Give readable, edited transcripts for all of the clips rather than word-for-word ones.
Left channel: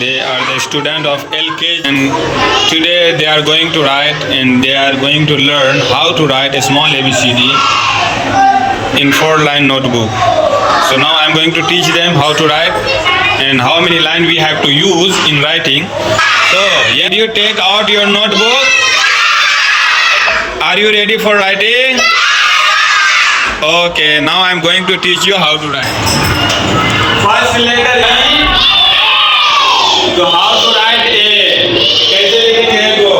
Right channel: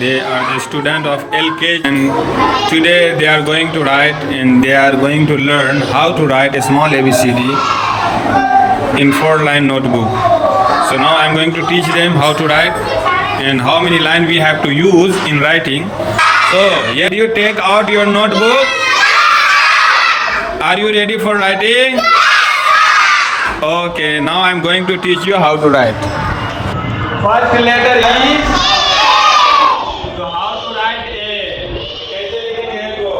They are the student of LKG and today they are going to write and they are going to learn how to write a small ABCD in 4-line notebook. So now I am going to teach them how to write and how many lines we have to use in writing. So here you take out your notebook. Are you ready for writing? Okay, now I am going to teach you how to write. First letter E. So how to write A? कैसे लिखेंगे A को?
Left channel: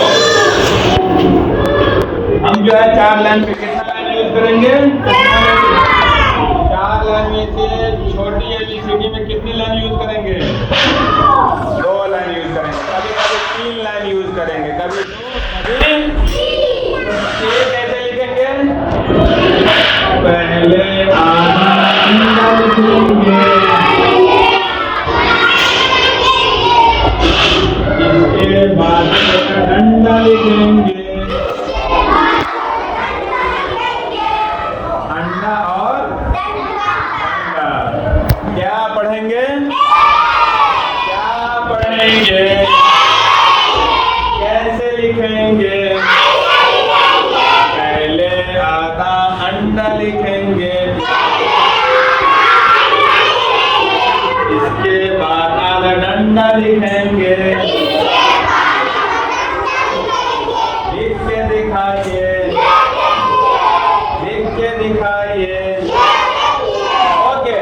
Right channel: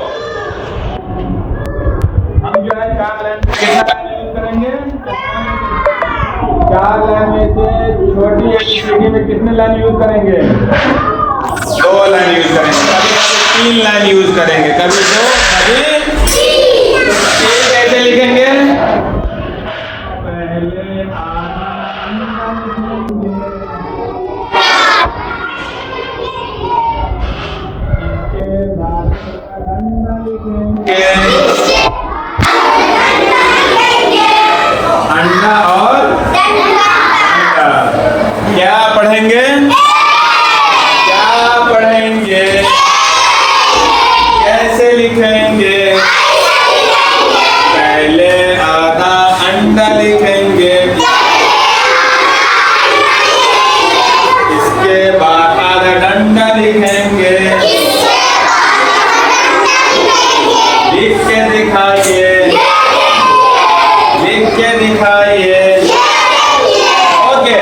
हम जो है 4 line पे कितना line use करेंगे? 4 line में से छोटी ABCD में कितने लाइन यूज करेंगे? 2 लाइन यूज करेंगे, कभी 3 लाइन यूज करेंगे, कभी 2, कभी 3। कैसे लिखेंगे? पहले आधा अंडा लिखेंगे, इसके बाद डंडा लिखेंगे, अंडा और डंडा। क्या पढ़ेंगे? क्या पढ़ेंगे? कैसे लिखेंगे? पहले आधा अंडा लिखेंगे, इसके बाद आधा डंडा लिखेंगे। लिख के दिखाइए, लिख के दिखाइए। ओके,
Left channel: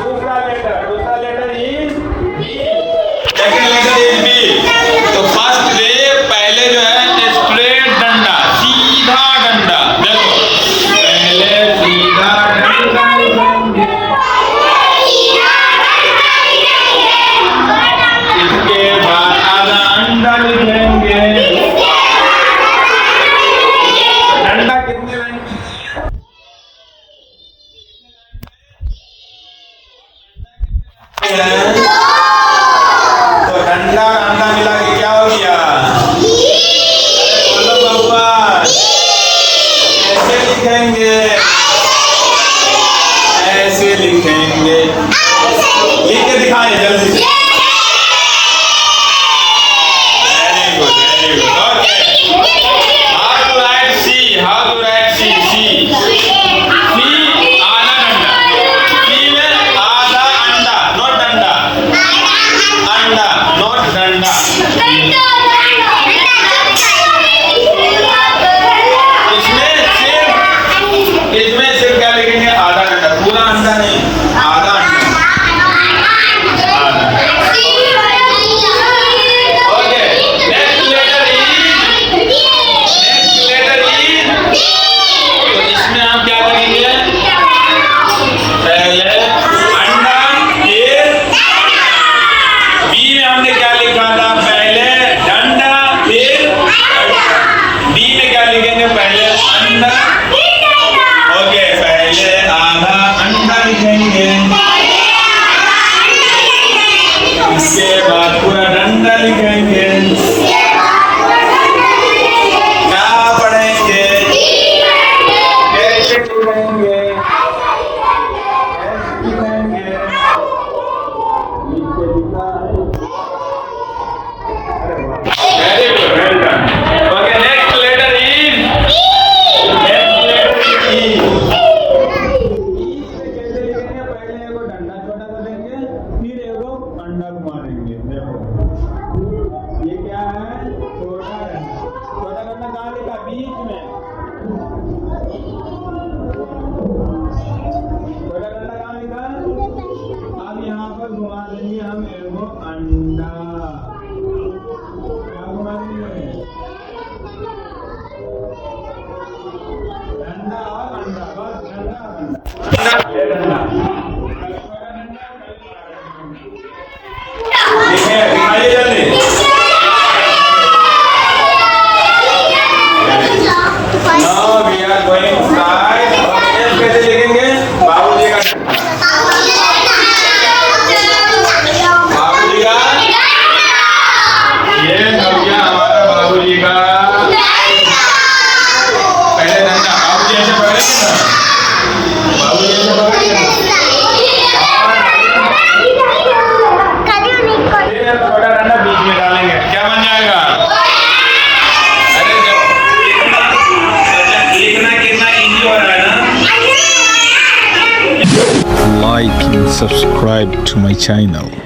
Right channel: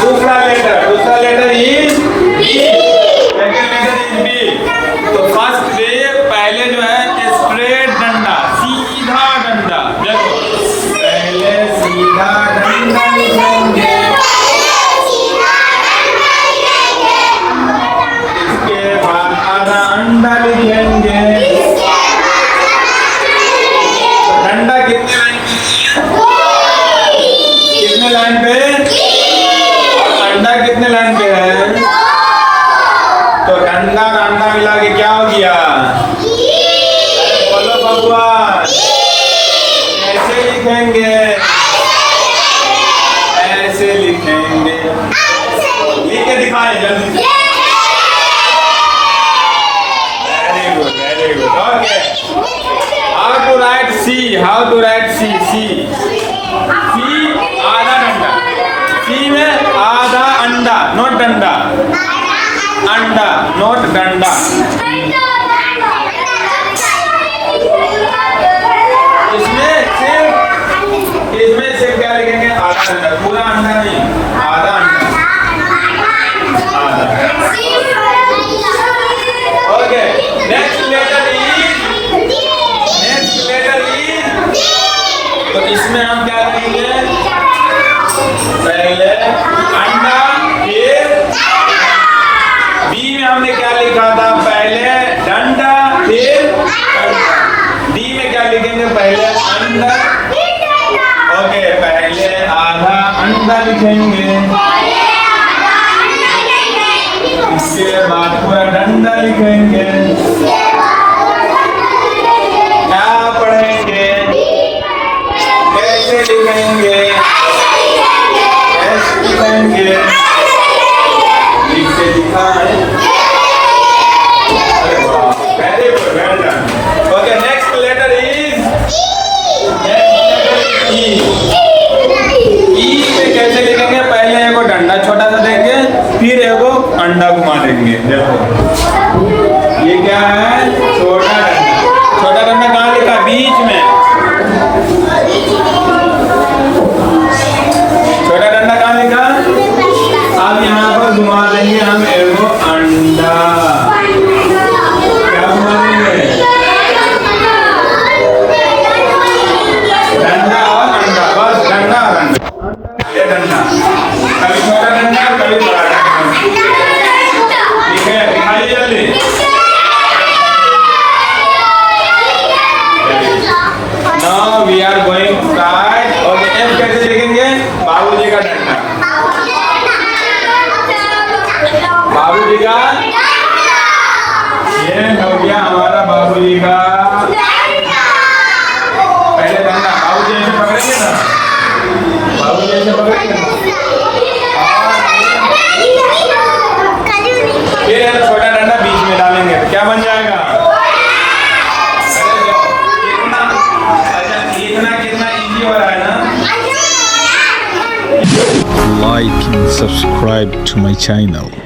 दूसरा letter is B. Second letter is B. तो फर्स्ट डे पहले जो है स्ट्रेट डंडा, सीधा डंडा। देखो पहले सीधा डंडा लिखेंगे, इसके बाद आधा अंडा लिखेंगे। डंडा कितने लाइन पे? और अंडा कितने लाइन पे है? तो डंडा और अंडा मिला के क्या हो गया? बोलो भगवान, कैसे लिखेंगे? ऐसे लिखेंगे। लिख के दिखाएं जल्दी से। Very good, very good. Okay, how to write C? How to write C? C आधा डंडा, सी में आधा अंडा, नोट डंडा, अंडा नोट डंडा। इसमें सिर्फ क्या लिखेंगे? आधा अंडा, पूरा अंडा नहीं, आधा अंडा, आधा। ओके, नेक्स्ट लेटर ई। तो इसमें हम क्या करेंगे? पहले अंडा, फिर बी में हमने क्या लिखा था? पहले डंडा, फिर बी में क्या लिखेंगे? पहले अंडा। ओके, पहले आधा अंडा लिखेंगे, इसके बाद पूरा डंडा लिखेंगे। क्या पढ़ेंगे? कैसे लिखेंगे? कैसे लिखेंगे? लिख के दिखाएं। Very good, well done. Okay, next letter is E पे कैसे लिखेंगे? पहले एगो डंडा छोटा सा देंगे, फिर एगो अंडा घुमा देंगे। देखो ये क्या है? छोटा डंडा। छोटा डंडा कहाँ लिखा? बीच में। छोटा डंडा कहाँ लिखा? अब यहाँ पर घुमा देंगे हम एगो अंडा। क्या घुमा देंगे? डंडा और अंडा, बस डंडा और अंडा, ये डंडा। कभी छोटा डंडा, कभी बड़ा डंडा। ठीक है, दिखाइए जल्दी। like and subscribe to my channel.